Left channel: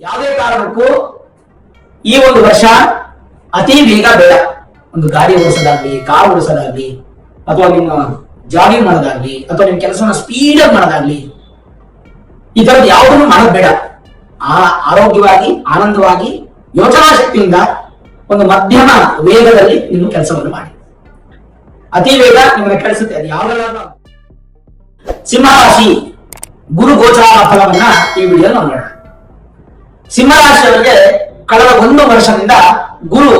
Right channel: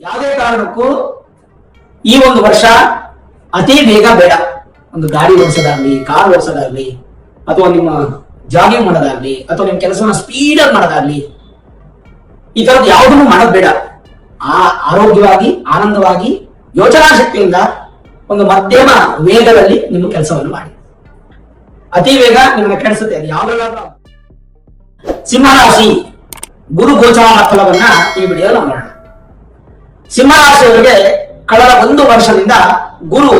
ಯಾವುದೇ ಕಾರಣಕ್ಕೂ ಈ ಒಂದು ವರ್ಷ ಅತಿ ಬೇಗ ಬೇಡ. ಒಂದು ಗಾಡಿ ಓಡಿಸೋದಾಗ್ಲಿ, ಕಾರ್ ಓಡಿಸೋದಾಗ್ಲಿ, ಅಥವಾ ನಿಮ್ಮ ಜಾಗಿಂಗ್ ಮಾಡೋದಾಗ್ಲಿ, ಅಥವಾ ನಿಮ್ಮ ಕೆಲಸವನ್ನ ಸ್ಪೀಡ್ ಆಗಿ ಮಾಡೋದಾಗ್ಲಿ, ಈ ತರದ್ದು ಯಾವುದನ್ನು ಮಾಡೋದು ಬೇಡ. ಆರೋಗ್ಯವಾಗಿ, ಆನಂದವಾಗಿ, ಯೋಚನಾ ಶಕ್ತಿಯಿಂದ ಒಂದು ಮಧ್ಯಮ ವೇಗದಲ್ಲಿ ನಿಮ್ಮ ಕೆಲಸವನ್ನು ಮಾಡಿ. ಅತಿ ವೇಗ ನಿಮ್ಮನ್ನ ಕೆಡಿಸುತ್ತೆ. ಅದು ಯಾವ್ದಾದ್ರು ಸಿಂಹರಾಶಿ ಗುರು ಗೋಚಾರ ಫಲವನ್ನ ಈ ವಿಡಿಯೋ ನಾವು ನೋಡೋಣ. ಸಿಂಹರಾಶಿಯವರಿಗೆ ಕಳೆದ 1 ವರ್ಷದಿಂದ ಗುರು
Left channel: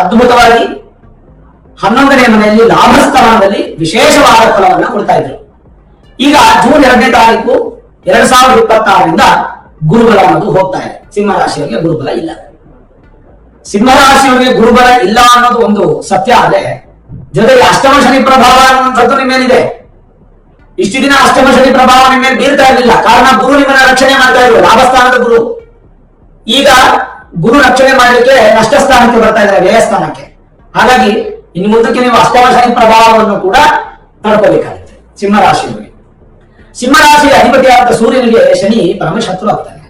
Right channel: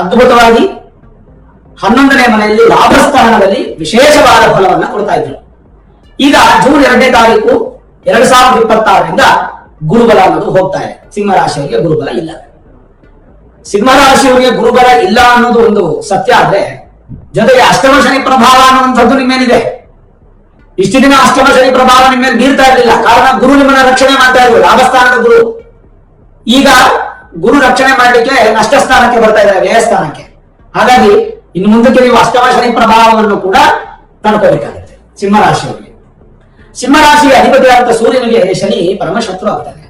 ಅದ್ಭುತವಾಗಿ 11ನೇ ಮನೆಯಲ್ಲಿ ಲಾಭಸ್ಥಾನದಲ್ಲಿ ವಿಶೇಷವಾದ ಫಲವನ್ನ ಕೊಡ್ತಾ ಇದ್ರು. ಈಗ ಜೂನ್ 2ನೇ ತಾರೀಕು 2026ರಿಂದ ಗುರುಬಲ ಅನ್ನೋದು ಹೋಗ್ತಾ ಇದೆ. ಸಿಂಹರಾಶಿಯವರಿಗೆ ಗುರುಬಲ ಇಲ್ಲ. ಸಿಂಹರಾಶಿಯವರಿಗೆ ಗುರುಬಲ ಇಲ್ಲ ಅನ್ನೋದು ಒಂದು ಸತ್ಯ ಆದ್ರೆ, ಜೊತೆಗೆ ಅಷ್ಟಮ ಶನಿ ಪ್ರಭಾವ ಅನ್ನುವಂಥದ್ದು ನಿಮ್ಮೇನಿದೆ. ಇಷ್ಟು ದಿನ ಅಷ್ಟಮ ಶನಿ ಪ್ರಭಾವ ನಿಮ್ಮೇಲೆ ಬೀರ್ತಾ ಇರಲಿಲ್ಲ. ಕಾರಣ ಗುರು ನಿಮ್ಮನ್ನ ರಕ್ಷಣೆ ಮಾಡ್ತಾ ಇದ್ರು, ಲಾಭಸ್ಥಾನದ ಗುರು. ಈಗ ಗುರು ರಕ್ಷಣೆ ಮಾಡಲಿಕ್ಕೆ ನಷ್ಟ ಸ್ಥಾನಕ್ಕೆ ಬರ್ತಾ ಇದ್ದಾರೆ, ವ್ಯಯಸ್ಥಾನಕ್ಕೆ. ಹಾಗಾಗಿ ಇನ್ನು ಮುಂದಕ್ಕೆ ನೀವು ಅಷ್ಟಮ ಶನಿ ಪ್ರಭಾವವನ್ನು ಕೂಡ ತಡ್ಕೋಬೇಕಾಗುತ್ತೆ ಸಿಂಹರಾಶಿಯವರಿಗೆ. ಸಿಂಹರಾಶಿಯ ಅಧಿಪತಿಯಾದಂತ ಸೂರ್ಯನಿಗೆ ಶನಿ ಪರಮಶತ್ರು ಆಗ್ತಾನೆ.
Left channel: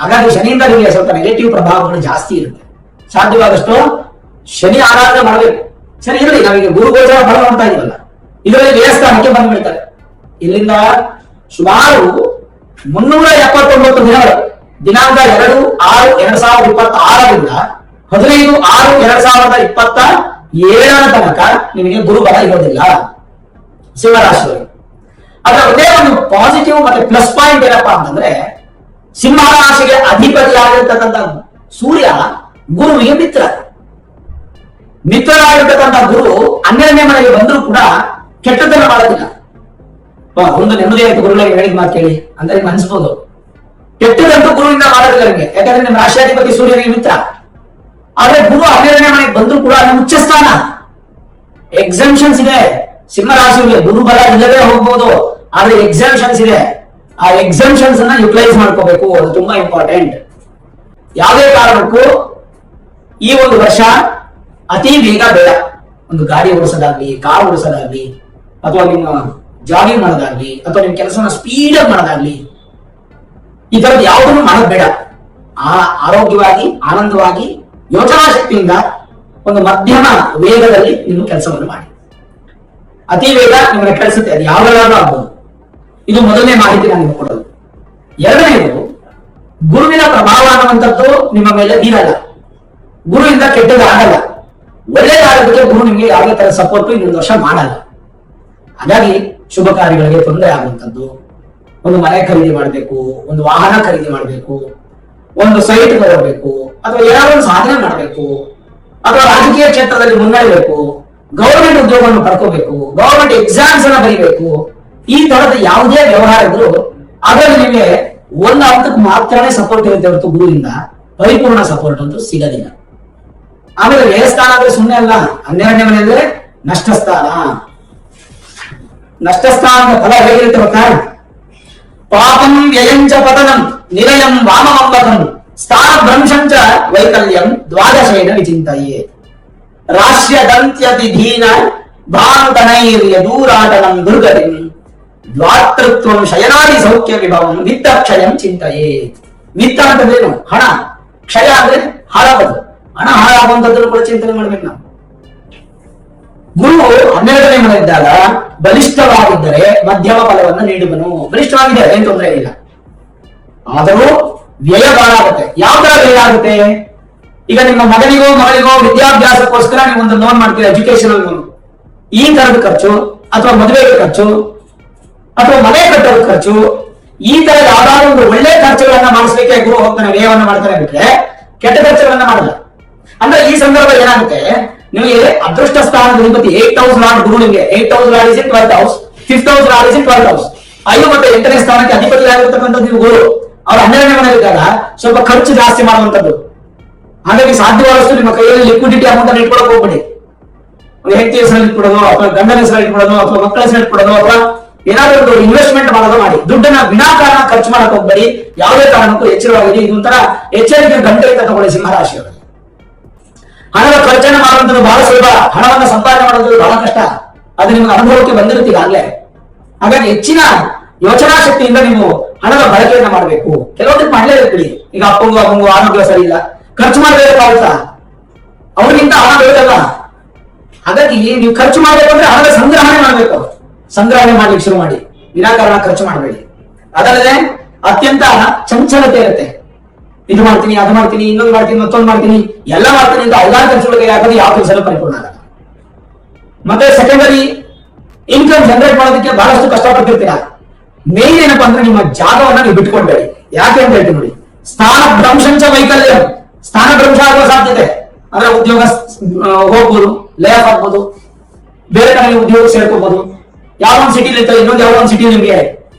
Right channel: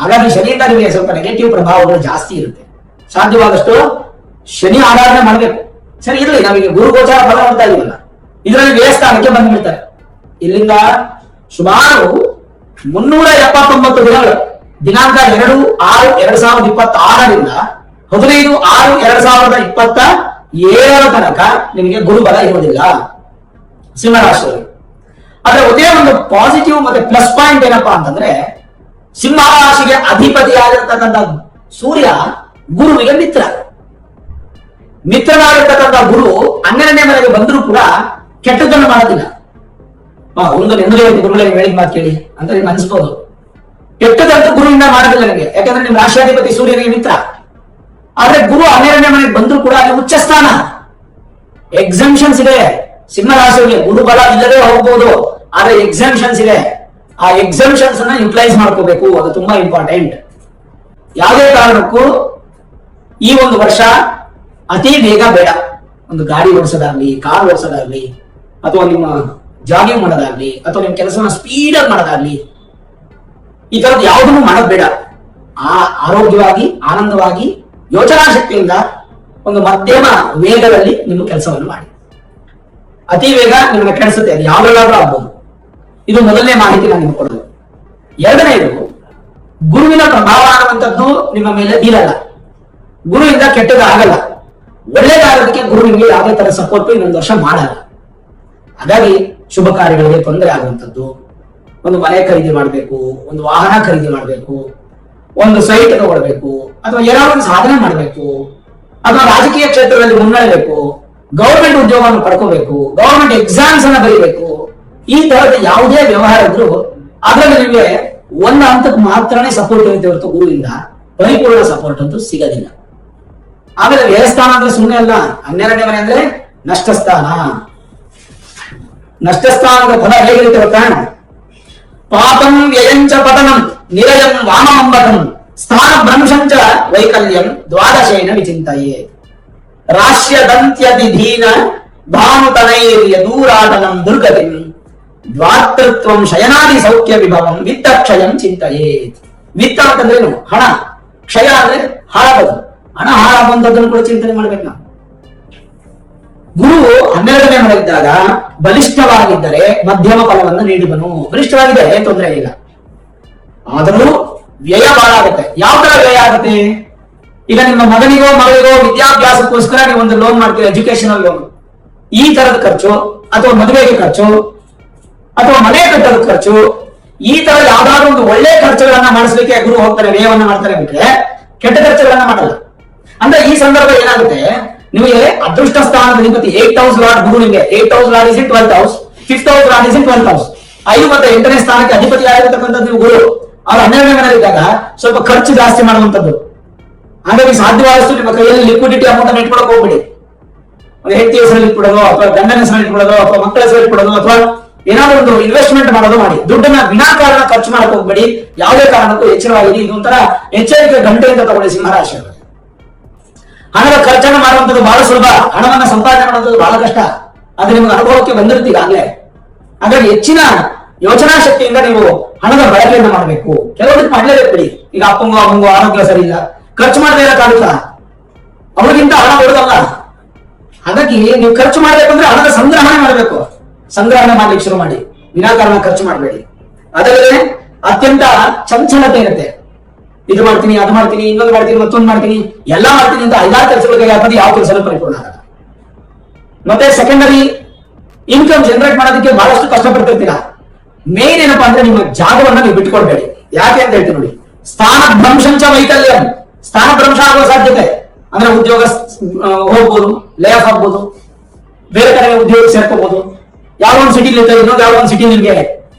ಹಾಗಾಗಿ ಶನಿಯಿಂದ ನಿಮಗೆ ಸ್ವಲ್ಪ ನೆಗೆಟಿವ್ ಪ್ರಭಾವಗಳು ಜಾಸ್ತಿ ಇರುತ್ತೆ. ಸಾಧ್ಯವಾದಷ್ಟು ಶನಿ ಆರಾಧನೆ ಮಾಡಬೇಕು. ಸರಿ ಇರಲಿ, ನಮಗೆ ಗುರು ಗೋಚಾರ ಫಲ ನೋಡ್ತಾ ಇದೀವಲ್ಲ, ಇದರಲ್ಲಿ ವ್ಯಯಸ್ಥಾನಕ್ಕೆ ಬಂದ್ಬಿಡ್ತಾರೆ. ಇಲ್ಲಿಂದ ಸುಮಾರು 379 ದಿನಗಳು, ದಿನಾಂಕ 2/6/2026ರಿಂದ 15/6/2027 ತನಕ ನಿಮಗೆ ಗುರುಬಲ ಇರೋದಿಲ್ಲ ಸಿಂಹರಾಶಿಯವರಿಗೆ. ಅದರ ಒಂದೇ ಒಂದು ಪಾಸಿಟಿವ್ ಮತ್ತೆ ಪ್ಲಸ್ ಪಾಯಿಂಟ್ ಏನಪ್ಪಾ ಅಂತಂದ್ರೆ, ಸಿಂಹರಾಶಿಗೆ ಅಧಿಪತಿಯಾಗಿರ್ತಕ್ಕಂಥ ಸೂರ್ಯ ಗುರುವಿಗೆ ಮಿತ್ರರಾಗಿರ್ತಕ್ಕಂಥ ಗುರು 12ನೇ ಮನೆಗೆ ಬಂದರೂ ಕೂಡ ಕೆಟ್ಟದ್ದನ್ನು ಮಾಡೋದಿಲ್ಲ. ಒಂದು ನೆಮ್ಮದಿಯ ಗುರುಗಳಿಗೆ ಹೇಳಿದ ಮಾತು ಕೇಳಿ ಅಂತ ನಿಮ್ಗೆ ಅನ್ಸ್ಬೋದು. ಕೆಟ್ಟದಂತೂ ಗುರುವಿಂದ ಮಾಡೋದಿಲ್ಲ ನಿಮಗೆ, ಯಾಕಂದ್ರೆ ನಿಮ್ಮ ರಾಶಿಯಾಧಿಪತಿ ಸೂರ್ಯನಿಗೆ ಮಿತ್ರ. ಆದ್ರೆ ಗುರು 12ನೇ ಮನೆಗೆ ಬಂದರೂ ಕೂಡ ಅದು ಉಚ್ಚ ಸ್ಥಾನ. ಎಕ್ಸಂಪ್ಷನ್ಸ್ ಇದೆ ಸಿಂಹರಾಶಿಯವರಿಗೆ. ಗುರುಬಲ ಇಲ್ಲದೆ ಹೋಗ್ಬಹುದು, ಆದ್ರೆ ಎಕ್ಸಂಪ್ಷನ್ಸ್ ಇದೆ. ಆ ಎಕ್ಸಂಪ್ಷನ್ಸ್ ಅನ್ನ ಯುಟಿಲೈಸ್ ಮಾಡ್ಕೋಬೇಕು, ಅದು ತುಂಬಾ ಇಂಪಾರ್ಟೆಂಟ್. ಯಾವುದೇ ಕಾರಣಕ್ಕೂ ಈ ಒಂದು ವರ್ಷ ಅತಿ ಬೇಗ ಬೇಡ. ಒಂದು ಗಾಡಿ ಓಡಿಸೋದಾಗ್ಲಿ, ಕಾರ್ ಓಡಿಸೋದಾಗ್ಲಿ, ಅಥವಾ ನಿಮ್ಮ ಜಾಗಿಂಗ್ ಮಾಡೋದಾಗ್ಲಿ, ಅಥವಾ ನಿಮ್ಮ ಕೆಲಸವನ್ನ ಸ್ಪೀಡ್ ಆಗಿ ಮಾಡೋದಾಗ್ಲಿ, ಈ ತರದ್ದು ಯಾವುದನ್ನು ಮಾಡೋದು ಬೇಡ. ಆರೋಗ್ಯವಾಗಿ, ಆನಂದವಾಗಿ, ಯೋಚನಾ ಶಕ್ತಿಯಿಂದ ಒಂದು ಮಧ್ಯಮ ವೇಗದಲ್ಲಿ ನಿಮ್ಮ ಕೆಲಸವನ್ನು ಮಾಡಿ. ಅತಿ ವೇಗ ನಿಮ್ಮನ್ನ ಕೆಡಿಸುತ್ತೆ. ಅದು ಯಾವ್ದಾದ್ರೂ ಆಗ್ಬೋದು. ಇದು ಮೊದಲನೇ ಮಾಹಿತಿ ನಾನು ನಿಮಗೆ ಕೊಡೋದು. ಎರಡನೇದು, ಗುರುವಿನ ಪ್ರಭಾವ ಅನ್ನುವಂಥದ್ದು ನಿಮ್ಮ ಮೇಲೆ ಬೀರಲ್ಲ. ಗುರುವಿಂದ ಕೆಟ್ಟದಾಗಲ್ಲ. ಒಳ್ಳೇದಾಗೋದಕ್ಕೆ ಗುರು ನಿಮಗೆ ಯಾವುದೇ ತರ ಸಪೋರ್ಟ್ ಇನ್ನೊಂದು ವರ್ಷ ಮಾಡಲ್ಲ. ಹಾಗಾಗಿ ಶುಭ ಕಾರ್ಯಗಳಿಗೆ ತೊಂದರೆ ಆಗುವಂಥದ್ದು, ಒಂದು ಮನೆ ಖರೀದಿ ಮಾಡಬೇಕು, ಒಂದು ವಾಹನ ಖರೀದಿ ಮಾಡಬೇಕು, ಒಂದು ಸೈಟ್ ತಗೋಬೇಕು, ಅಥವಾ ಏನಾದ್ರು ಒಂದು ಸಾಧನೆ ಮಾಡಬೇಕು, ಅಥವಾ ರಾಜಕೀಯ ಕ್ಷೇತ್ರದಲ್ಲಿ ಮುನ್ನಡೆಯಬೇಕು, ಗೌರ್ಮೆಂಟ್ ಉದ್ಯೋಗವನ್ನು ಪಡ್ಕೋಬೇಕು, ಗೌರ್ಮೆಂಟ್ ಎಕ್ಸಾಮ್ಸ್ ಅನ್ನ ಬರೀಬೇಕು, ಈ ತರದ ಯಾವುದೇ ವ್ಯವಹಾರ ಇದ್ರು ಅದರಲ್ಲಿ ನಿಮಗೆ ಒಂದು ಹಂತಕ್ಕೆ ಮಾತ್ರನೇ ಸಪೋರ್ಟ್ ಇರುತ್ತೆ ಹೊರತು ಗುರುವಿಂದ ಪರಿಪೂರ್ಣ ಸಪೋರ್ಟ್ ಅಂತೂ ಸಿಗೋದಿಲ್ಲ. ಆಮೇಲೆ ವ್ಯಯಸ್ಥಾನ ಅಂದ್ರೆ ಸುಮ್ಮನೆ ಅಲ್ಲ. 12ನೇ ಮನೆ ಅಂದ್ರೆ ನಷ್ಟಸ್ಥಾನ. ನಷ್ಟಸ್ಥಾನದ ಫಲ ಹೇಗಿರುತ್ತೆ ಗೊತ್ತಾ? ಪಾಪಂ ವ್ಯಯಂಚ ಪತನಂ ನಿರಯಂ ವಾಮಮಂಬಕಂ ಸ್ಥಾನ ಭ್ರಂಶಂಚ ವೈಕಲ್ಯಂ ದ್ವಾದಶೇನ ವಿಚಿಂತಯೇ ರಾಶ್ಯದಂತ್ಯತಿ ಧೀನ ಭಾನುತನೈರ್ಯ ದೂರಾಟನಂ ದುರ್ಗತಿಂ ದ್ವಾತೃತ್ವಂ ಶಯನಾದಿ ಸೌಖ್ಯ ವಿಭವಂ ವಿತ್ತಕ್ಷಯಂ ಚಿಂತಯೇ. ವಿತ್ತ ಅಂತಂದ್ರೇನು? ಹಣ. ಕ್ಷಯ ಅಂದ್ರೆ ಹಾಳಾಗೋದು. ಹಣ ಹಾಳಾಗುವಂಥದ್ದನ್ನು ಕೂಡ ಚಿಂತನೆ ಮಾಡ್ಬೇಕು ನಾವು. ಗುರು 12ನೇ ಮನೆಯಿದ್ದಾಗ ಬಲಿಷ್ಠವಾಗಿದ್ದರೆ ಮಧ್ಯಮ ಫಲವನ್ನು ನೀಡುವನು. ಬಲಿಷ್ಠವಾಗಿದೆ, ಏನ್ ತೊಂದರೆ ಇಲ್ಲ. ಆದರೂ ವ್ಯಯ ಬಹಳ ಆಗುತ್ತೆ. ಯಾವ ತರ ವ್ಯಯ ಆಗುತ್ತೆ? ಈಗ ನಿಮ್ಮ ಮಗನಿಗೋ ಮಗಳಿಗೋ ವಿದ್ಯಾಭ್ಯಾಸಕ್ಕೋಸ್ಕರ ನೀವು ಒಂದು ಲೋನ್ ಮಾಡ್ತೀರಾ, ಎಜುಕೇಶನಲ್ ಲೋನ್. ಈ ತರದ ಖರ್ಚು, ಅಥವಾ ಮದುವೆಗೆ ಖರ್ಚು, ಅಥವಾ ಮನೆ ಕಟ್ಟೋದ ಖರ್ಚು, ಈ ತರ ಯಾವ್ದಾದ್ರು ಒಂದು ಒಳ್ಳೆ ಖರ್ಚುಗಳನ್ನ ಮಾಡಿಸ್ಲಿಕ್ಕೆ ಗುರು ಹೋಗ್ತಾರೆ, ವ್ಯಯವನ್ನ ಮಾಡ್ತಾರೆ. ಬಿಟ್ರೆ ಕೆಟ್ಟ ಖರ್ಚುಗಳನ್ನ ಮಾಡಲ್ಲ. ಅಂದ್ರೆ ಈ ಸಂದರ್ಭ ಏನಾಗುತ್ತೆ, ನಿಮಗೆ ಅದೃಷ್ಟ ಸ್ಥಾನದ ಅಧಿಪತಿ 8th ಹೌಸ್ ಲಾರ್ಡ್ ಗುರು. ನಿಮಗೆ 8th house lord is in 12th house, 5th house lord is in 12th house. 5 ಮತ್ತು 8ನೇ ಸ್ಥಾನಕ್ಕೆ ಅಧಿಪತಿ ಆಗಿರ್ತಕ್ಕಂಥದ್ದು ನೀವು ಗುರು. ಅವ್ರು 12ನೇ ಮನೆಯಲ್ಲಿದ್ದಾಗ ಸ್ವಲ್ಪ ಖರ್ಚು ಜಾಸ್ತಿ ಮಾಡುವಂಥದ್ದು. ಹಾಗಾಗಿ ಸಾಧ್ಯವಾದಷ್ಟು ನಿಮ್ಮ ಕೈಯಲ್ಲಿ ಲಿಕ್ವಿಡಿಟಿ ಅಮೌಂಟ್ ಅನ್ನು ಇಟ್ಕೊಳಕ್ ಹೋಗ್ಬಿಡಿ. ಒಂದು ಹೆಂಡತಿ ಹೆಸರಲ್ಲಿ ಇಟ್ಬಿಡೋದು, ಅಥವಾ ಗಂಡನ ಹೆಸರಲ್ಲಿ ಇಟ್ಬಿಡೋದು, ಅಥವಾ ಮಕ್ಕಳ ಹೆಸರಲ್ಲಿ ಇಟ್ಬಿಡೋದು, ಅಥವಾ ಏನಾದ್ರೂ ಒಂದು ಇನ್ವೆಸ್ಟ್ಮೆಂಟ್ ಮಾಡೋದು ಮಾಡಿ. ದುಡ್ಡನ್ನ ವಿನಾಕಾರಣ ಖರ್ಚು ಮಾಡಕ್ ಹೋಗ್ಬೇಡಿ. ಯಾವುದೇ ಕಾರಣಕ್ಕೂ ಎಚ್ಚರವಾಗಿ ಇದೊಂಥರ ಎಚ್ಚರಿಕೆ ಗಂಟೆಯಿಂದ ತಗೊಳ್ಳಿ ಸಿಂಹರಾಶಿಯವರು. ಹಣದ ಖರ್ಚನೆ ಮಾಡುವಂಥದ್ದು ಬಹಳ ಸುಲಭ, ಹಣವನ್ನ ಸಂಪಾದನೆ ಮಾಡುವಂಥದ್ದು ಬಹಳ ಕಷ್ಟ. ಆದ್ರೆ ನಿಮಗೆ ಅನುಭವಕ್ಕೆ ಬಂದಿರ್ತೀವಿ ಆಗ್ಲೇ. ಹಾಗಾಗಿ ಹೆಚ್ಚಿನ ಯೋಚನಾ ಶಕ್ತಿಯಿಂದ ನೀವು ಹಣದ ಬಳಕೆಯನ್ನ ಮಾಡಬೇಕು. ಕೆಲವೊಂದಕ್ಕೆ ಮಾಡಲೇಬೇಕು ಬಿಡಿ. ಈಗ ಅಪ್ಪಂಗು ಅಮ್ಮಂಗು ಆರೋಗ್ಯ ಸರಿ ಇಲ್ಲ, ಖರ್ಚು ಮಾಡಬೇಕಾಗುತ್ತಾ? ಅವ್ರಿಗಿಂತ ಹಣ ಬೇಕಲ್ಲ. ಹಾಗಾಗಿ ನೀವು ಖರ್ಚು ಮಾಡ್ಬೇಕಂದ್ರೆ ಹಣದ ಸಂಗ್ರಹಣೆ ಮಾಡಬೇಕು. ಸಂಗ್ರಹಣೆ ಮಾಡ್ಲಿಕ್ಕೆ ಶುರು ಮಾಡಿ, ವಿನಾಕಾರಣ ಖರ್ಚು ಮಾಡಬೇಡಿ. ಅದಲ್ಲದೆ ಅತ್ಯಂತ ಚಂಚಲತೆ ಇರುತ್ತೆ. ಇದು ಮಾಡ್ತೀನಿ, ಅದು ಮಾಡ್ತೀನಿ, ಇನ್ನೊಂದು ಮಾಡ್ತೀನಿ, ಮತ್ತೊಂದು ಮಾಡ್ತೀನಿ, ಎಲ್ಲ ಮಾಡ್ತೀನಿ ಅಂತ 5-6 ಕೆಲಸಗಳಿಗೆ ಹಾಕೋದು ಯಾವ ಕೆಲಸ ಪರಿಪೂರ್ಣ ಆಗಲ್ಲ. ಮತ್ತೆ ಸೆಕೆಂಡರಿ ಇನ್ಕಮ್ ಜನರೇಟ್ ಮಾಡೋದಕ್ಕೆ ಬಹಳಷ್ಟು ಕಷ್ಟಪಡ್ತಿರ್ತೀರಾ. ಮೇನ್ ಏನಪ್ಪಾ ಅಂದ್ರೆ ನಿಮ್ಮ ಜಾಗವನ್ನ ನೀವು ಬಿಟ್ಕೊಡ್ಬೇಡಿ. ಯಾಕೆ ಅಂತ ಹೇಳ್ತೀನಿ ನೋಡಿ. ಸ್ಥಾನ ಭ್ರಂಶಂಚ ವೈಕಲ್ಯಂ, ಸ್ಥಾನ ಭ್ರಂಶ ಆಗುವ ಸಾಧ್ಯತೆ ಅಂದ್ರೆ ಉದ್ಯೋಗ ಹೋಗ್ಬೋದು, ಲೇ ಆಫ್ ಆಗ್ಬೋದು, ಬೇರೆ ಕಡೆ ಉದ್ಯೋಗ ಸೇರ್ಕೋಬಹುದು, ಯಾವ ಒಂದು ಸಿಟಿ ಇರ್ತದೆ ಇನ್ನೊಂದು ಯಾವ ಒಂದು ಸಿಟಿ ನಿಮಗೆ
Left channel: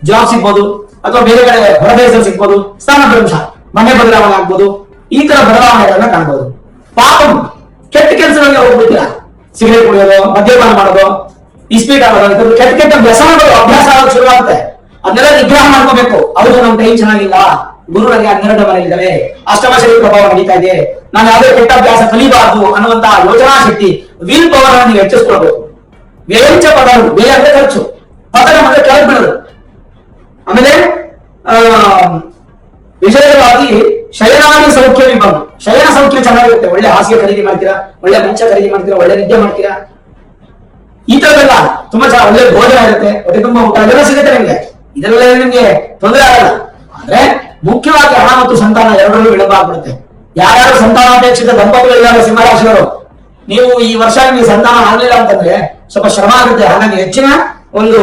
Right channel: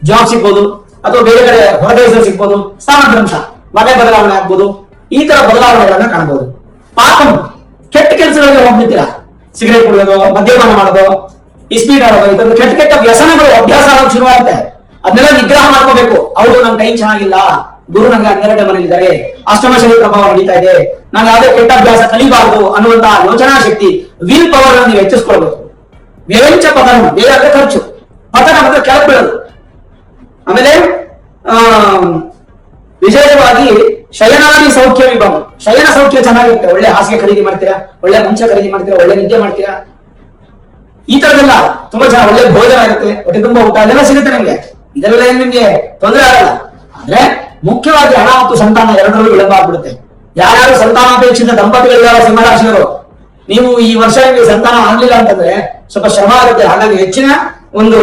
ಜಾಬ್ ಸಿಗ್ಬೋದು, ಅಥವಾ ಬೇರೆ ಕಡೆ ಹೊರದೇಶ ಸಿಗ್ಬೋದು. ಸ್ಥಾನ ಭ್ರಂಶ, ಮನೆ ಬದಲಾವಣೆ ಆಗ್ಬೋದು, ಈ ತರ ಬದಲಾವಣೆಗಳನ್ನ ಕಾಣಬಹುದು. ಪಾಪಂ, ಕೆಟ್ಟ ಕೆಲಸಗಳಿಗೆ ಹೋಗ್ಬಿಡ್ತೀರಾ. ಸಿಗರೇಟ್ ಕುಡಿಯೋದು, ಮದ್ಯಪಾನ ಮಾಡೋದು, ಇಸ್ಪೀಟ್ ಆಡೋದು, ಇದೊಂದು ಕೆಟ್ಟ ಕೆಟ್ಟ ವ್ಯಸನಗಳು ಅಭ್ಯಾಸ ಆಗೋದು ಶುರುವಾಗುತ್ತೆ. ಅದನ್ನೆಲ್ಲ ನಿಗ್ರಹ ಮಾಡ್ಕೋಬೇಕು. ಹೌದು, ನಮ್ ಟೈಮ್ ಚೆನ್ನಾಗಿಲ್ಲ, ಗುರು ನನಗೆ 12ನೇ ಮನೆಯಿದ್ದಾರೆ, ಅಷ್ಟಮ ಶನಿ ಪ್ರಭಾವ ನಡೀತಾ ಇದೆ, ನಾನು ಯಾವುದೇ ಕೆಟ್ಟ ಅಭ್ಯಾಸ ಕಲಿಬಾರದು ಅನ್ನುವಂತಹ ಯೋಚನಾ ಶಕ್ತಿ, ವಿಲ್ ಪವರ್ ನೀವು ಹೆಚ್ಚಿಸ್ಕೊಳ್ಬೇಕು. ವ್ಯಂಚ ಪತನ, ಬೇರೆ ಖರ್ಚು, ಪತನ ಮತ್ತೆ ಕೆಳಗೆ ಬೀಳೋದು. ಆಮೇಲೆ ವಿಶೇಷವಾಗಿ ಶಯನಾದಿ ಸೌಖ್ಯ ವಿಭಂಗ, ಶಯನ ಸೌಖ್ಯ ಚೆನ್ನಾಗಿರುತ್ತೆ. ಒಳ್ಳೆ ಹಾಸಿಗೆ ಖರೀದಿ ಮಾಡ್ತೀರಾ, ಒಳ್ಳೆ ಮಂಚ ಖರೀದಿ ಮಾಡ್ತೀರಾ, ಒಳ್ಳೆ ನಿದ್ದೆ ಮಾಡ್ತೀರಾ, ಈ ತರದೆಲ್ಲ ತುಂಬಾ ಚೆನ್ನಾಗಿ ಒಳ್ಳೆ ಭೋಜನ ಇರುತ್ತೆ, ಹೊಟ್ಟೆ ತುಂಬಾ ಊಟ ಅದೆಲ್ಲ ಸಿಗುತ್ತೆ ನಿಮ್ಗೆ. ಇದೆಲ್ಲ ನಿಮ್ಗೆ ತೊಂದರೆ ಆಗಲ್ಲ. ಆದ್ರೆ ಮುಖ್ಯವಾಗಿ ಹಣ ಮತ್ತು ಸಂತಾನ ಎರಡರಲ್ಲೂ ವಿಳಂಬ ಆಗ್ಬಿಡುತ್ತೆ. ಯಾರ್ಯಾರು ಸಂತಾನಾಪೇಕ್ಷಿತ ದಂಪತಿಗಳಿದ್ದಾರೆ ಸಿಂಹರಾಶಿಯವರು, ನೀವು ಈ ವರ್ಷ ನಿಮಗೆ ಸಂತಾನ ಆಗ್ಲಿಲ್ಲ ಅಂತಂದ್ರೆ ಸ್ವಲ್ಪ ಶ್ರಮ ಆಗುತ್ತೆ. ಹಾಗಾಗಿ ಹೆಚ್ಚಿನ ಒಂದು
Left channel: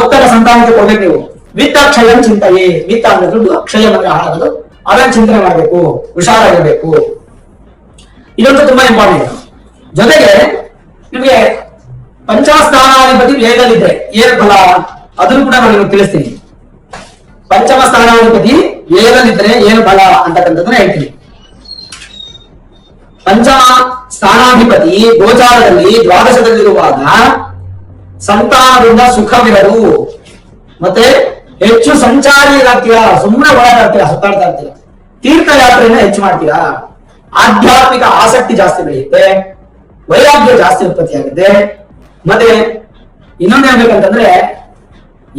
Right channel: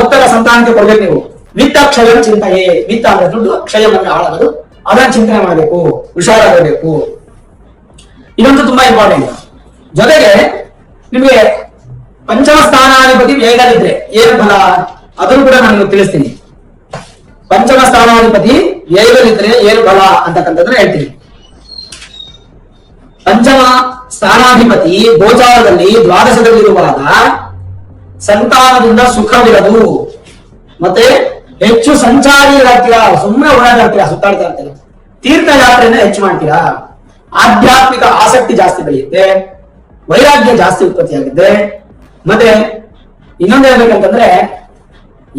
ಒತ್ತಡ ಸಂತಾನಕ್ಕೆ ಕೊಡ್ಬೇಕು ನೀವು. ವಿತ್ತ ಕ್ಷಯ ಚಿಂತೆಯೇ, ವಿತ್ತ ಅಂದ್ರೆ ದುಡ್ಡು, ಕ್ಷಯ ಅಂದ್ರೆ ಹಾಳಾಗೋದು, ಅದನ್ನ ಚಿಂತನೆ ಮಾಡಬೇಕು, ಹುಷಾರಾಗಬೇಕು. ಇನ್ನೊಂದು ತುಂಬಾ ಇಂಪಾರ್ಟೆಂಟ್. ಜೊತೆಗೆ ನಿಮಗೆ ಪಂಚಮ ಸ್ಥಾನಾಧಿಪತಿ ವೇಗಲಿದ್ರೆ ಏನ್ ಫಲ ಅದನ್ನು ಕೂಡ ನಾನು ನಿಮಗೆ ತಿಳಿಸ್ತೀನಿ. ಪಂಚಮ ಸ್ಥಾನಾಧಿಪತಿ ವೇಗಲಿದ್ರೆ ಏನು ಫಲ ಅಂತಕ್ಕಂಥದ್ದನ್ನ ಹೇಳ್ತೀನಿ. ಪಂಚಮ ಸ್ಥಾನಾಧಿಪತಿ ಗೋಚಾರದಲ್ಲಿ ದ್ವಾದಶದಲ್ಲಿರುವಾಗ ಸಂತಾನದಿಂದ ಸುಖವಿರದು, ಮತ್ತೆ ಹೆಚ್ಚು ಸಂಚಾರಿಗಳಾಗ್ತೀರಾ, ಸುಮ್ಮನೆ ಓಡಾಡ್ತೀರಾ, ಸುತ್ತಾಡ್ತಾ ಇರ್ತೀರಾ, ತೀರ್ಥಯಾತ್ರೆಯನ್ನ ಹೆಚ್ಚು ಮಾಡ್ತೀರಾ, ಆಧ್ಯಾತ್ಮಿಕ ಆಸಕ್ತಿ ಜಾಸ್ತಿ ಬೆಳೆಯುತ್ತೆ, ವೈರಾಗ್ಯ ಜಾಸ್ತಿ ಉತ್ಪತ್ತಿ ಆಗುತ್ತೆ. ಮತ್ತೆ ಇನ್ನೊಂದು ಹೇಳ್ಬೇಕಂತಂದ್ರೆ,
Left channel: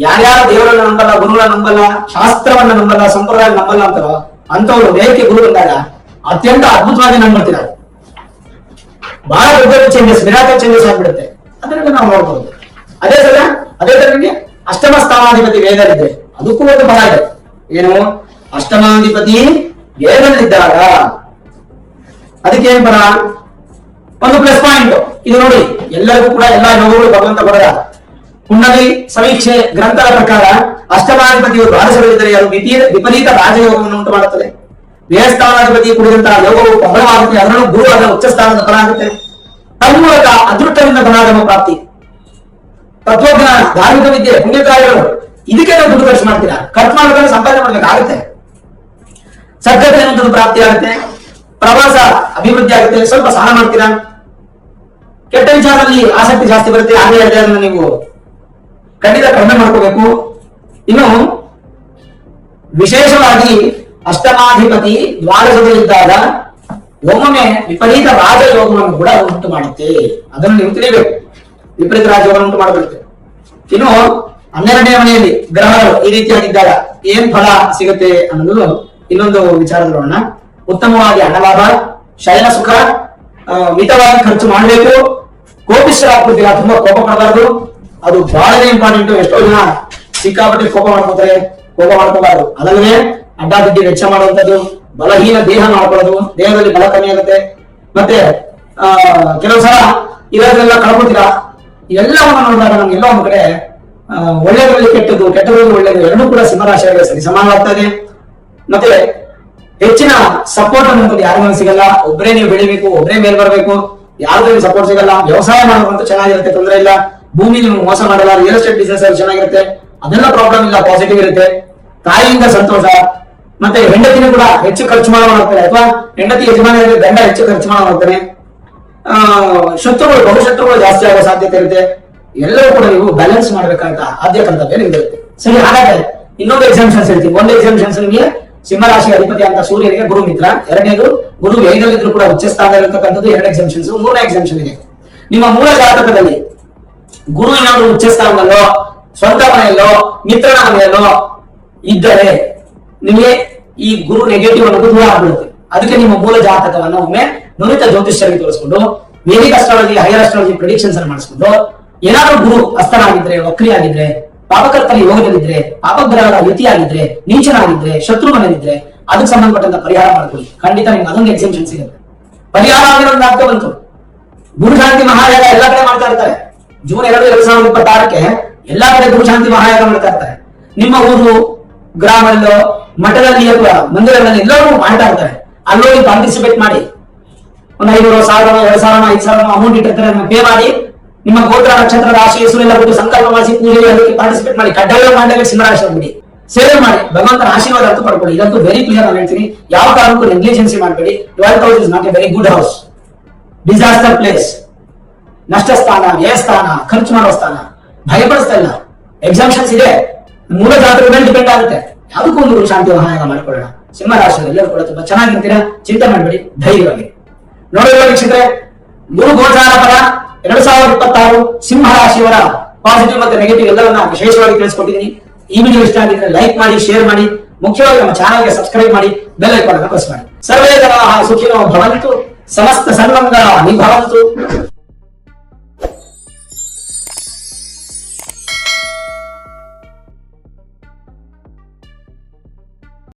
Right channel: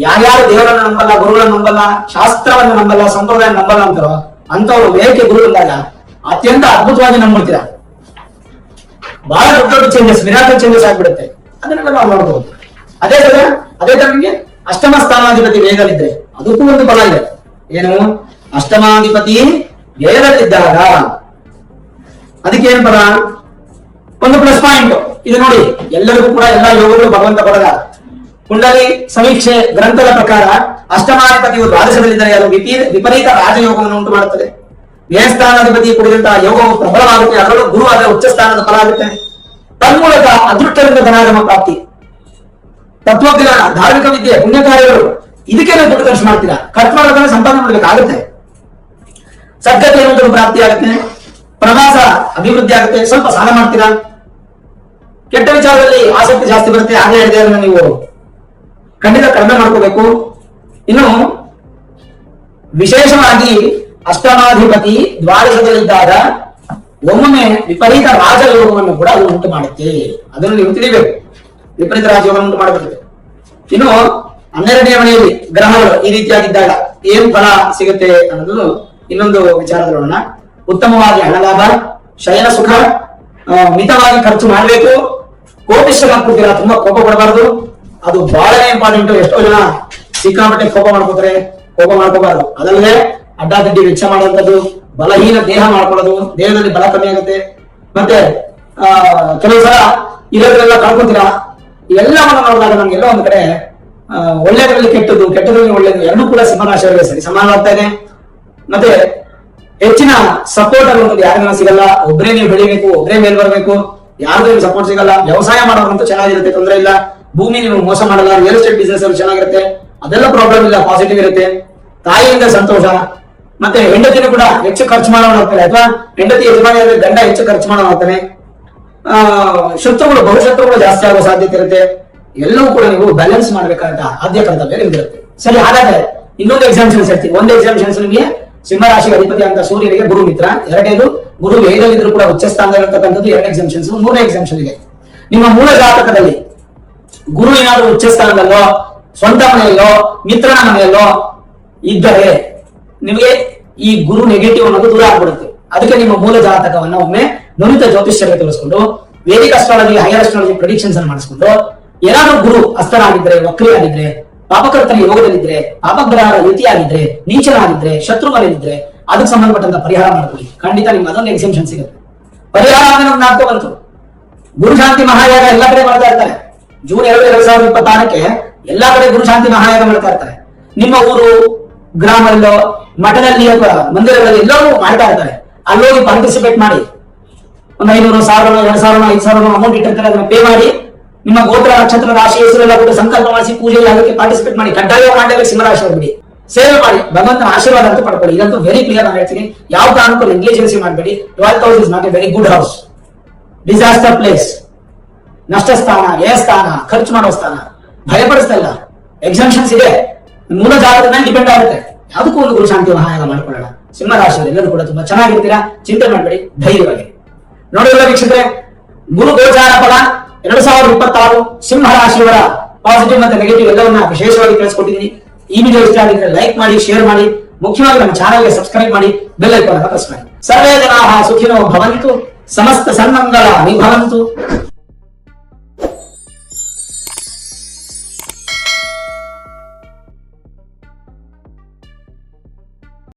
ಯಾರ್ಯಾರು ದೇವರನ್ನ ನಂಬಲ್ಲ, ಗುರುಗಳನ್ನ ನಂಬಲ್ಲ, ಶಾಸ್ತ್ರವನ್ನ ನಂಬಲ್ಲ, ಸಂಪ್ರದಾಯ ನಂಬಲ್ಲ ಅಂತಾರೋ ಅಂತವ್ರು ವೇದಿಕೆ ಗುರು ಬಂದಾಗ ಅತ್ಯಂತ ಅದ್ಭುತವಾಗಿ ನಂಬಿಡ್ತೀರಾ. ಬಹಳ ದೊಡ್ಡ ದೊಡ್ಡ ಚೇಂಜಸ್, ಮಿರಾಕಲ್ ಚೇಂಜಸ್ ಆಗ್ಬಿಡುತ್ತೆ. ಅದನ್ನೆಲ್ಲ ನಾವು ನೋಡ್ಬೋದು. ಅದೇ ತರ ನಿಮಗೆ ಅಷ್ಟಮ ಸ್ಥಾನಾಧಿಪತಿ ವೇಗಲಿದೆ, ಅದಕ್ಕೂ ಒಂದು ಫಲ ಇದೆ. ಏನು? ಅಷ್ಟಮಾಧಿಪತಿ ವೇಗಲಿದ್ದಾಗ ಅದಕ್ಕೆ ಏನ್ ಫಲ? ಒಂದು ಪ್ಲಸ್ ಪಾಯಿಂಟ್ ಇದು ನೋಡಿ. ಎಲ್ಲರಿಗೂ ಕೂಡ ಎಲ್ಲ ಯೋಗಗಳು ಭಗವಂತ ಕೊಡದ ಕುಂಡಲಿ ಸಮೀಕ್ಷೆ ಗ್ರಂಥದ ಪ್ರಕಾರ ಅಷ್ಟಮಾಧಿಪತಿಯು ದ್ವಾದಶದಲ್ಲಿದ್ದರೆ ಅದು ವಿಪರೀತ ರಾಜಯೋಗವನ್ನು ಉಂಟು ಮಾಡುತ್ತದೆ. ದೇವಸ್ಥಾನಾಧಿಪತಿ ಕುರಿತಂತಹ ಯೋಗವು ಪ್ರಬಲವಾಗುತ್ತೆ, ಅದರಲ್ಲೂ ಗುರು ಅದರ ಉಚ್ಚ ಸ್ಥಾನದ ಫಲ ಆಗುತ್ತೆ. ತನ್ಮೂಲಕ ಅದೃಷ್ಟದಿಂದ ಧನಾಗಮ ಪ್ರಾಪ್ತಿ, ತತ್ವಜ್ಞಾನ, ಧಾರ್ಮಿಕ ವಿದ್ಯೆ, ಪುಣ್ಯ ಕಾರ್ಯಗಳು, ಇದಕ್ಕೆ ನಾವು ದುಡ್ಡು ಖರ್ಚು ಮಾಡ್ತೀರಾ. ಖರ್ಚು ಮಾಡೋದನ್ನ ಸಂಪಾದನೆ ಮಾಡಬೇಕಾಗುತ್ತೆ. ಸದ್ಗತಿ ಅನ್ನೋದು ಪ್ರಾಪ್ತಿ ಆಗುತ್ತೆ, ಪ್ರವಾಸ ಅಭಿವೃದ್ಧಿ ಆಗುತ್ತೆ, ಸ್ವಲ್ಪ ಸಾಲ ಮಾಡ್ತೀರಾ, ಕೆಟ್ಟ ವಿಚಾರದಲ್ಲಿ ಆಸಕ್ತಿ ಜಾಸ್ತಿ ಬರುತ್ತೆ. ಹಾಗೆ ಅದನ್ನ ನೀವು ಖಂಡಿತ ಕಡಿಮೆ ಮಾಡ್ಕೋಬೇಕು. ಇನ್ನು ವಿಶೇಷವಾಗಿ ಅಷ್ಟಮಾಧಿಪತಿ ದ್ವಾದಶದಲ್ಲಿದ್ದಾಗ ಒಮ್ಮೊಮ್ಮೆ ವಿಪರೀತ ರಾಜಯೋಗವನ್ನು ಕೂಡ ಅದು ಉಂಟು ಮಾಡುತ್ತೆ. ಅದನ್ನು ನೀವು ತಿಳಿಬೇಕು. ವಿಪರೀತ ರಾಜಯೋಗವನ್ನು ಉಂಟು ಮಾಡಬೇಕು. ಇನ್ನು 12ನೇ ಮನೆಯಲ್ಲಿ ಗ್ರಹಗಳು ಈ ರೀತಿಯಾಗಿದ್ದಾಗ ಏನ್ ಫಲ ಸಿಗುತ್ತೆ ಅನ್ನೋದು ಇನ್ನೊಂದು ವಿಚಾರ ನೋಡೋಣ. ಉತ್ತಮವಾಗಿ ಹಣ ಲಾಭ, ಶಯನ ಸುಖ, ಮಿತವಾಗಿ ಖರ್ಚು ಮಾಡಬೇಕು, ಕೋಪಿಷ್ಠರಾಗ್ಬಿಡ್ತೀರಾ, ತುಂಬಾ ಕೋಪ ಪಡಬಾರದು, ಅದು ಬಹಳನೇ ಇಂಪಾರ್ಟೆಂಟ್. ಎಷ್ಟೋ ಜನ ಸಿಕ್ಕಾಪಟ್ಟೆ ಕೋಪ ಮಾಡ್ಕೋತಾರೆ, ಕೋಪ ಮಾಡ್ಕೋಬಾರದು. ಅದಲ್ಲದೆ ಅಡ್ಡಾದಿಡ್ಡಿ ವೆಚ್ಚ ಮಾಡುವಂತದ್ದು, ಬಲಹೀನ ದೇಹ ಮಾಡ್ಕೊಳ್ಳೋದು, ದೇಹದಲ್ಲಿ ಬಲ ಕಮ್ಮಿ ಆಗುತ್ತೆ. ಮತ್ತೆ ಕೆಲವು ಸಲ ಇರೋದ್ರೆಲ್ಲ ಕಳ್ಕೊತೀರಾ. ಇವೆಲ್ಲವನ್ನು ನೋಡಿದಾಗ ನಮ್ಗೆಲ್ಲ ಒಂದ್ ಕಡೆ ಒಳ್ಳೆಯದ್ರಲ್ಲಿ ಕೆಟ್ಟದ್ದು, ಕೆಟ್ಟದ್ರಲ್ಲಿ ಒಳ್ಳೆಯದು ಎರಡೂ ಕೂಡ ಸಿಂಹರಾಶಿಯವರಿಗೆ ಸರಿ ಸಮಾನ ಆಗ್ತಾ ಇದೆ. ಮತ್ತೆ ಹೆಚ್ಚಿನ ಸಪೋರ್ಟ್ ಅನ್ನುವಂಥದ್ದು ಯಾರಿಗೂ ಸಿಗಲ್ಲ. ಒಬ್ಬರೇ ನೀವು ಬೆಳಿಬೇಕು, ಒಬ್ಬರೇ ಮೇಲ್ ಬರಬೇಕು, ಯಾವ್ದು ಸಪೋರ್ಟ್ ಸಿಗಲ್ಲ. ವ್ಯವಸಾಯ ಮಾಡೋದಂತೂ ಚೆನ್ನಾಗಿರುತ್ತೆ, ತೊಂದರೆ ಇಲ್ಲ. ಭೂಮಿ ನೀವು ಮೋಸ ಮಾಡಲ್ಲ. ರಿಯಲ್ ಎಸ್ಟೇಟ್ ಬಿಸ್ನೆಸ್ ಅಲ್ಲಿ ಚೆನ್ನಾಗಿರುತ್ತೆ, ಅದೆಲ್ಲ ಪ್ರಾಬ್ಲಮ್ ಇಲ್ಲ, ಪಾಸಿಟಿವ್ ಇರುತ್ತೆ. ತಾಯಿಯಿಂದ ಸಂತೋಷ. ಮತ್ತೆ ಹೆಂಡತಿನೂ ಕೂಡ ಹೆಚ್ಚು ಖರ್ಚು ಮಾಡೋಗ್ತಾನೆ, ಅಥವಾ ಹೆಂಡತಿ ಯಜಮಾನಿ ಗಂಡ ಹೆಚ್ಚು ಖರ್ಚು ಮಾಡೋಗ್ತಾನೆ. ಶತ್ರುಗಳು, ಬಹುಶತ್ರುಗಳು ಜಾಸ್ತಿ ಆಗೋ ಸಾಧ್ಯತೆ ಇರುತ್ತೆ. ಎಲ್ಲವೂ ಕೂಡ ನೀವು ಬ್ಯಾಲೆನ್ಸ್ ಮಾಡ್ಬೇಕಂತ ಆದ್ಯ ಕರ್ತವ್ಯ ನಿಮ್ಗಿರುತ್ತೆ. ಸರಿ, ಹಾಗಾದ್ರೆ ಇನ್ನೊಂದು ಎಕ್ಸಾಮ್ಷನ್ಸ್ ಹೇಳ್ತೀವಿ. ಒಂದು ಎಕ್ಸಾಮ್ಷನ್ಸ್ ನಿಮಗೆ ಸಿಂಹರಾಶಿ ಅಧಿಪತಿ ಅಂತ ಸೂರ್ಯನಿಗೆ ಗುರು ಮಿತ್ರ, ಎರಡನೇದು ಗುರು ವೇಗಲಿದ್ರು ಕೂಡ ಉಚ್ಚ ಸ್ಥಾನದಲ್ಲಿರ್ತಕ್ಕಂಥದ್ದು ಎರಡು ಎಕ್ಸಾಮ್ಷನ್ಸ್. ಮೂರನೇ ಎಕ್ಸಾಮ್ಷನ್ ಇದೆ, ನಿಮ್ಮ ಮೂಲ ಜಾತಕದಲ್ಲಿ ಗುರು ಏನಾದ್ರು ಉಚ್ಚ ಸ್ಥಾನದಲ್ಲೋ ಸ್ವಂತ ಮನೆಯಲ್ಲೋ ಮಿತ್ರನ ಮನೆಯಲ್ಲೋ ಇದ್ದರೆ ನಿಮಗೆ ಈ ಗುರು ನೆಗೆಟಿವ್ ಅನ್ನೋದು ದೂರ ಆಗ್ಬಿಡುತ್ತೆ. ಅದಕ್ಕೆ ನಿಮ್ಮ ಮೂಲ ಜಾತಕವನ್ನು ಒಮ್ಮೆ ನುರಿತ ಜ್ಯೋತಿಷ್ಯರಿಗೆ ತೋರಿಸ್ಕೊಂಡು Vedic astrology, higher astrology predictions ಅನ್ನು ಮಾಡಿಸ್ಕೊಂಡು ಏನಾದ್ರೂ ಗುರು ಅಸ್ತನಾಗಿದ್ರೆ, ವಕ್ರಿಯಾಗಿದ್ರೆ, ಪಾಪಕರ್ತನ ಯೋಗದಲ್ಲಿದ್ರೆ, ಪಾಪಗ್ರಹದ ಯುತಿಯಾಗಿದ್ರೆ, ನೀಚನಾಗಿದ್ರೆ, ಶತ್ರು ಮನೆಯಲ್ಲಿದ್ರೆ ಅದಕ್ಕೆ ಸಂಬಂಧಪಟ್ಟಂತ ಪರಿಹಾರ ಮಾಡ್ಕೊಳ್ಳಿ. ಖಂಡಿತ ನಿಮ್ಗೆ ಅದೊಂದು ಎಕ್ಸೆಂಪ್ಷನ್ ಸಿಗುತ್ತೆ. ಪರಿಹಾರ ಆಗಿರೋದು ಆಗ್ತಾ ಬಂತು. ಗುರುಶಾಂತಿ ಮಹಾಯಾಗ ಎಲ್ಲಾ ಕಡೆ ಮಾಡ್ತಾ ಇರ್ತಾರೆ. ಜೂನ್ 2, 2026 ಎಲ್ಲಾ ಕಡೆ ಗುರುಶಾಂತಿ ಮಹಾಯಾಗ ಮಾಡ್ತಾ ಇರ್ತಾರೆ. ನಿಮ್ಮ ಊರು, ಗ್ರಾಮದಲ್ಲೋ, ಮಠದಲ್ಲಿಯೋ ಕೂಡ, ಮಂದಿರಗಳಲ್ಲಿ ಎಲ್ಲರೂ ಮಾಡ್ತಾ ಇರ್ತಾರೆ. ಅಲ್ಲೋಗಿ ಪಾರ್ಟಿಸಿಪೇಟ್ ಮಾಡಿ. ಒಂದು 500, 1000, 2000, 5000 ಅಮೌಂಟ್ ಇಟ್ಟಿರ್ತಾರೆ. ಅದನ್ನ ಪೇ ಮಾಡಿ ನಿಮ್ಮ ಗೋತ್ರ, ನಕ್ಷತ್ರ, ರಾಶಿ, ಹೆಸರೆಲ್ಲ ಬಿಟ್ಟು ಸಂಕಲ್ಪ ಮಾಡಿಸಿ ಪೂಜೆ ಅದಕ್ಕೆ ಪಾರ್ಟಿಸಿಪೇಟ್ ಮಾಡಿ. ಕಡ್ಡಾಯ ಮಾಡಲೇಬೇಕು. ಸಿಂಹರಾಶಿ ಬಿಡಿ, ಸೇವೆ ಮಾಡಿ, ಭಗವಂತನ ಆಶೀರ್ವಾದ ಅಂತ ಪಡ್ಕೊಳ್ಳಿ. ಇದಂತೂ ವೆರಿ ಕ್ಲಿಯರ್ ನಾನು ಹೇಳ್ತೀನಿ. ಯಾವ ಕಾರಣಕ್ಕೂ ನೆಗ್ಲಿಜೆನ್ಸಿ ಮಾಡಬೇಡಿ. Your house is not A very good house, disaster place, ನಷ್ಟ ಸ್ಥಾನ, ವ್ಯಯ ಸ್ಥಾನ, ಖರ್ಚು ಮಾಡುವ ಸ್ಥಾನ. ಭಯಪಡಿಸ್ತಾ ಇಲ್ಲ, ಎಕ್ಸಾಮ್ಷನ್ಸ್ ಇದೆ, ಮೂಲ ಜಾತಕದ ಮೇಲೆ ಡಿಪೆಂಡ್ ಆಗುತ್ತೆ. ಅದಕ್ಕೂ ಒಂದು ಗುರುಶಾಂತಿ ಮಹಾಯಾಗ ಮಾಡ್ಕೊಳ್ಳೋಣ. ಸಿಂಹ ರಾಶಿಯಲ್ಲಿ ಎಲ್ಲರೂ ಕೂಡ ತುಂಬಾ ಚೆನ್ನಾಗಿರ್ತೀರಾ, ಚಿಂತೆ ಮಾಡಬೇಡಿ, ಧೈರ್ಯವಾಗಿ ನೋಡಿದ್ರೆ ವೀಕ್ಷಕರೇ. ಗುರು ಗೋಚಾರ ಫಲ 2026 ಸಿಂಹ ರಾಶಿಯವರ ಪಾಸಿಟಿವ್ ಮತ್ತೆ ನೆಗೆಟಿವ್ ಎಲ್ಲವನ್ನ ವಿಶೇಷವಾಗಿ ತಿಳಿಸ್ಕೊಟ್ಟಿದ್ದೀನಿ. ಈ ವಿಡಿಯೋ ಇಷ್ಟ ಆಗಿದ್ರೆ ಲೈಕ್ ಮಾಡಿ, ಶೇರ್ ಮಾಡಿ, ಮುಖ್ಯವಾಗಿ ನಮ್ಮ ಚಾನಲ್ಗೆ ಸಬ್ಸ್ಕ್ರೈಬ್ ಮಾಡಿ, ಬೆಲ್ ಐಕಾನ್ ಅನ್ನು ಪ್ರೆಸ್ ಮಾಡಿ. ಸರ್ವೇ ಜನಾಃ ಸುಖಿನೋ ಭವಂತು, ಸಮಸ್ತ ಸನ್ಮಂಗಳ ಭವಂತು.